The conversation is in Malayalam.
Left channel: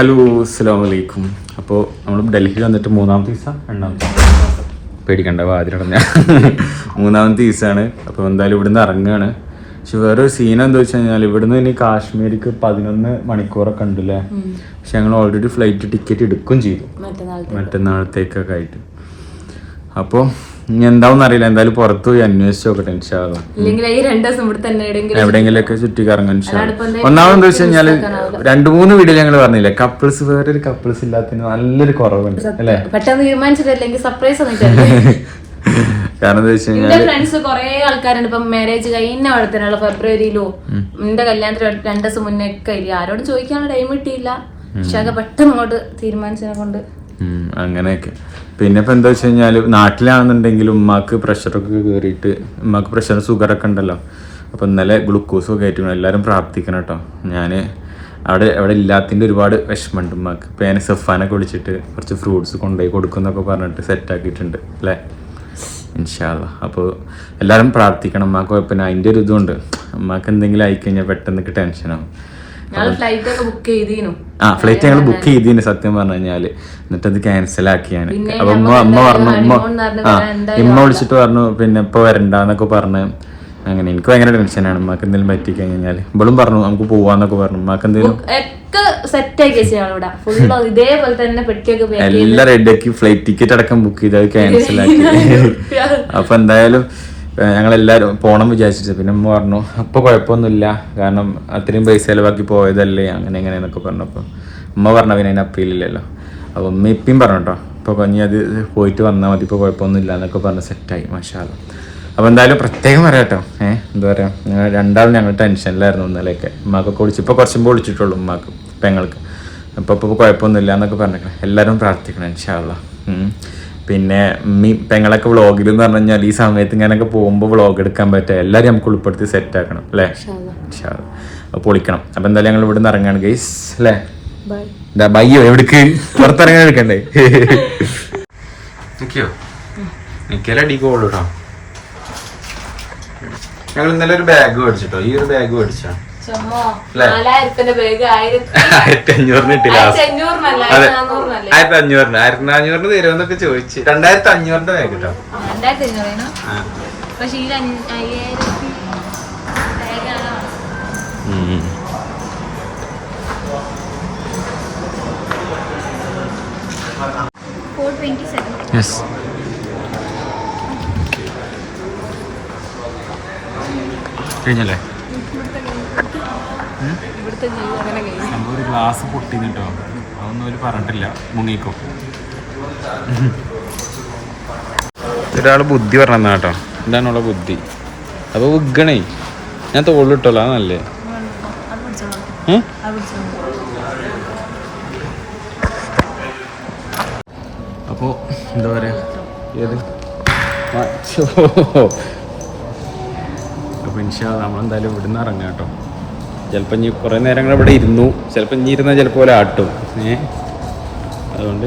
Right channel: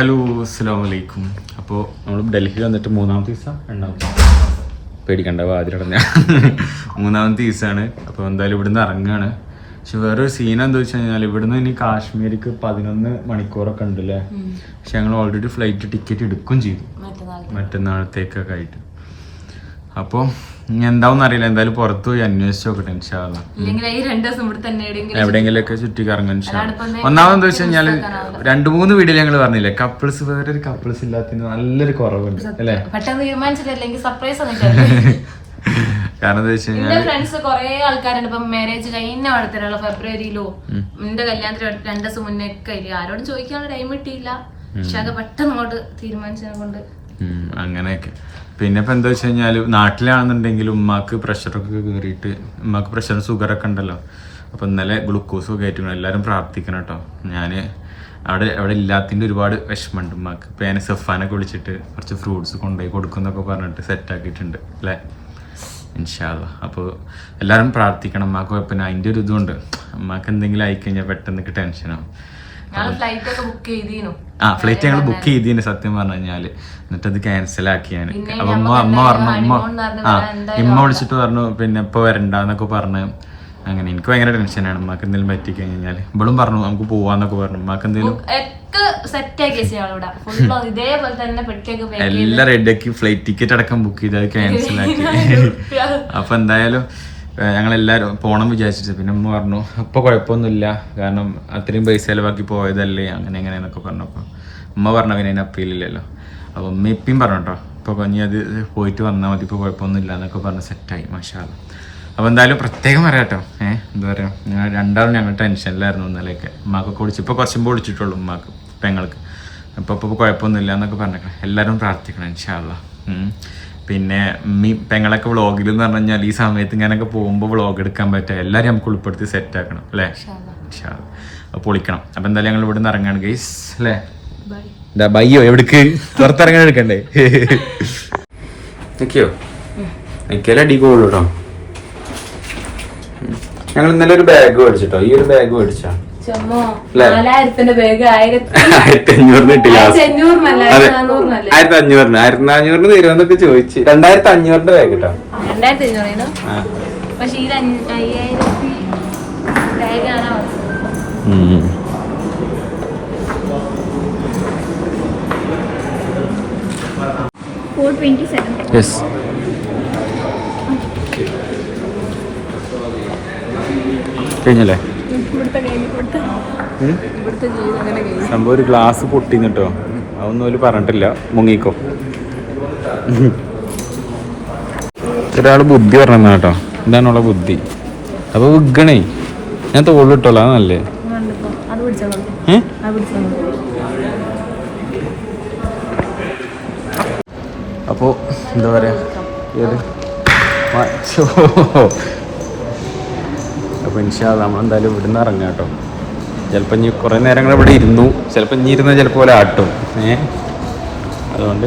ഹലോ അസ്സാം വലൈക്കും അപ്പോൾ നമ്മൾ ഡൽഹി വന്നിട്ട് മൂന്നാമത്തെ ദിവസം രണ്ടാമത്തെ പേടിക്കണ്ട വാതിലടഞ്ഞ. മൂന്നാമത്തെ ദിവസമാണ്. അപ്പോൾ എന്തായാലും ഇവിടുന്ന് ഇറങ്ങുകയാണ് പക്ഷെ വേറൊരു സീൻ എന്താ വെച്ച് കഴിഞ്ഞാൽ ഇവിടുന്ന് ഇനി കാശ്മീരിക്ക് പതിനൊന്ന് മണിക്കൂറൊക്കെ ഉണ്ടല്ലേ? പക്ഷെ ഞങ്ങൾ ഓൾറെഡി ഫ്ലൈറ്റ് ടിക്കറ്റ് എടുക്കുകയും ചെയ്തു. മറ്റന്നാളത്തേക്കൊക്കെ ആയിട്ട്. അപ്പോൾ എന്താവും അറിയില്ല. എന്തായാലും പുറത്ത് പോയി അന്വേഷിച്ച് നോക്കട്ടെ എവിടെയെങ്കിലൊക്കെ ചുറ്റി എന്താ ഒന്നാമത് എന്താ വെച്ച് കഴിഞ്ഞാൽ രണ്ടു മൂന്ന് വീഡിയോ ഞങ്ങൾ പറഞ്ഞില്ലേ കപ്പിൾസ് ഒരു കപ്പിൾസ് ഇല്ലാത്തതിന് നല്ലൊരു കുറവുണ്ട് അല്ലേ? പെട്ടെന്ന് തീരുമാനിച്ചിട്ടില്ലെങ്കിൽ സർപ്രൈസ് കാരണം എന്താ വെച്ച് കഴിഞ്ഞാൽ ഫ്രണ്ട്സ് കുറെ ആൾക്കാരുണ്ട്. ഇപ്പം മാരേജ് കഴിഞ്ഞ വളർത്തനുള്ള ഫെബ്രുവരിയിലോ എന്റെ കല്യാണത്തിന് രണ്ടു ദിവസം മുന്നേ ഒക്കെ ആരോട് ചോദിക്കാനുള്ള ടൈം കിട്ടിയില്ല. പക്ഷെ അത് പെട്ടെന്ന് അങ്ങോട്ട് തീരുമാനിച്ചതിനെ കൊണ്ട് അങ്ങനെയൊക്കെ. പിന്നെ ഇപ്പൊ എന്താ വെച്ച് കഴിഞ്ഞാൽ നാട്ടിലാണെന്നുണ്ടെങ്കിൽ ഉമ്മാക്ക് പ്രഷറൊക്കെ കയറിയിട്ട് ഉമ്മാക്ക് പ്രഷർ ഷുഗറൊക്കെ ഉണ്ടല്ലോ. അപ്പൊ ഇന്നലെ ഗ്ലൂക്കോസ് ഒക്കെ ആയിട്ട് എല്ലാവരും പ്രാർത്ഥിക്കണം കേട്ടോ. ഞാൻ അവിടെ അവിടെ ഇല്ലാത്തതിന്റെ ഒരുപാട് വിഷമമുണ്ട് ഉമ്മാക്ക്. ഇപ്പൊ ഞാൻ സഫാനൊക്കെ വിളിച്ചിട്ട് കുറച്ച് ഫ്രൂട്ട്സ് കൊണ്ടുപോയി കൊടുക്കുന്നൊക്കെ പറഞ്ഞിട്ട് സെറ്റ് ആക്കിയിട്ടുണ്ട് അല്ലേ? ഇൻഷാല്ല അപ്പോൾ എല്ലാവരും പ്രാർത്ഥിക്കണം. ഉമ്മാക്ക് കുഴപ്പമില്ല. അതിന്റെ ഒരു ഇതുണ്ട്. ഉമ്മാക്ക് എന്തെങ്കിലും ആയിക്കഴിഞ്ഞാൽ പെട്ടെന്ന് ടെൻഷനാവും ആ ഫ്ലൈറ്റ് ഞങ്ങൾ ബുക്ക് ചെയ്തിന് സത്യം പറഞ്ഞു കഴിഞ്ഞാൽ. എന്നിട്ട് അത് ക്യാൻസൽ ആക്കിയാണ് അപ്പൊ നമുക്ക് അമ്മ പറഞ്ഞു ഉമ്മ ആ ഇമ്മ വിളിച്ചിട്ട് പറഞ്ഞു പിന്നെ ഇപ്പൊ വരണ്ടെന്നൊക്കെ പറഞ്ഞു അങ്ങനെ. എനിക്ക് ഭയങ്കര ടെൻഷനാണ് ഉമ്മക്ക് എന്തെങ്കിലും പറ്റി കഴിഞ്ഞാൽ. ഇവളും പറഞ്ഞു നമുക്ക് പോവാന്നൊക്കെ പറഞ്ഞു. ഉമ്മക്ക് എന്തെങ്കിലും എല്ലാം റെഡിയാക്കി ഫ്ലൈറ്റ് ടിക്കറ്റ് അടക്കം ബുക്ക് ചെയ്ത് അത് ക്യാൻസൽ ആക്കി. അപ്പൊ എന്തായാലും ഞങ്ങൾ എല്ലാവരും പോണം വിചാരിച്ചിട്ട്. പിന്നെ അമ്മ പറഞ്ഞു അപ്പൊ കുഴപ്പമൊന്നുമില്ല. കാരണം അത്രയും പൈസ ചിലവാക്കി പോയതല്ലേ? അങ്ങനെ എങ്ങനെ എന്നൊക്കെ പറഞ്ഞപ്പോ അമ്മ പറഞ്ഞ പിന്നെ അതിന് അപ്പീലില്ലല്ലോ അപ്പൊ അമ്മ ഇപ്പം പറഞ്ഞു കേട്ടോ ഇപ്പൊ കൊഞ്ഞി അത് പോയിട്ട് വന്നാൽ മതി ഇപ്പൊ കുഴപ്പമൊന്നുമില്ല എന്നൊക്കെ പറഞ്ഞ് സെറ്റായി മാഷാല്ല അപ്പോൾ എന്തായാലും പ്രത്യേകം പറയാം കേട്ടോ ഏഹ് എന്താ പറയാ ഞങ്ങൾ രണ്ടാളും ഞങ്ങൾ ടെൻഷനിലായിരുന്നു ഇന്നലെയൊക്കെ. ഉമ്മാക്കൊക്കെ വിളിച്ചു ഇപ്പൊ കുറച്ചുമ്പോൾ വിളിച്ചിട്ടുള്ളൂ ഉമ്മാക്ക് പെങ്ങൾക്ക് അപ്പൊ ഇപ്പൊ കുഴപ്പമൊന്നുമില്ല എന്നൊക്കെ പറഞ്ഞേക്കണം എല്ലാവരും പ്രാർത്ഥിക്കണം ഇൻഷാല്ല പിന്നെ ഉമ്മി പെങ്ങളൊക്കെ വ്ളോഗിൽ എന്ന് പറഞ്ഞു കഴിഞ്ഞാൽ ഈ സമയത്ത് ഇങ്ങനെയൊക്കെ പോകുമ്പോൾ വ്ളോഗ് എടുക്കാൻ പറ്റുക എല്ലാവരും നമുക്ക് ഉൾപ്പെടുത്തി സെറ്റ് ആക്കണം അല്ലേ? പൊളിക്കണം. അപ്പൊ എന്തായാലും ഞങ്ങൾ ഇവിടെ നിന്ന് ഇറങ്ങാണ് ഗൈസ് അല്ലേ? ബയ്യോ എവിടേക്ക്? പുറത്തിറങ്ങാൻ എടുക്കണ്ടേ? ഓക്കെയോ എനിക്കെല്ലാം അടി പോകുള്ളൂ കേട്ടോ ഞങ്ങൾ ഇന്നലെ ഒരു ബാഗ് മേടിച്ചിട്ടോ? ഈ ഒരു ബാഗ് മേടിച്ചാ? ആയിരത്തി അഞ്ഞൂറിന് ആയിരത്തി നാനൂറിന് തരുമെന്നൊക്കെ ചോദിച്ചു. രണ്ടായിരത്തി അഞ്ഞൂറിന്റെ ബാഗ് കേട്ടോ യെസ് കഴിഞ്ഞല്ലേ? സംഭവം ഒരു ഗ്ലാസ് പൊട്ടിന്ന് കേട്ടോ അതൊന്നും അവർ പറഞ്ഞിട്ടില്ല. മുങ്ങിക്കോ. ഒരാൾ ബുദ്ധി പറഞ്ഞ കേട്ടോ എന്താണുള്ള ബുദ്ധി. അപ്പൊ വിഗണേ. ഞാൻ തോളിട്ടോളാ നല്ലേ? അപ്പോ എന്താ പറയാ? ഏത് മച്ചോ. അപ്പൊ ഇൻഷാ നമ്മളെന്തായാലും ഇവിടുന്ന് ഇറങ്ങാം കേട്ടോ. ചിലപ്പോൾ ഇനി കുറേ നേരങ്ങൾ ഇവിടെ ഇരുന്നു. ചിലപ്പോൾ ഇനി ഇരുന്നാൽ ചിലപ്പോൾ ഒരാട്ടും ഏ? അതുകൊണ്ട്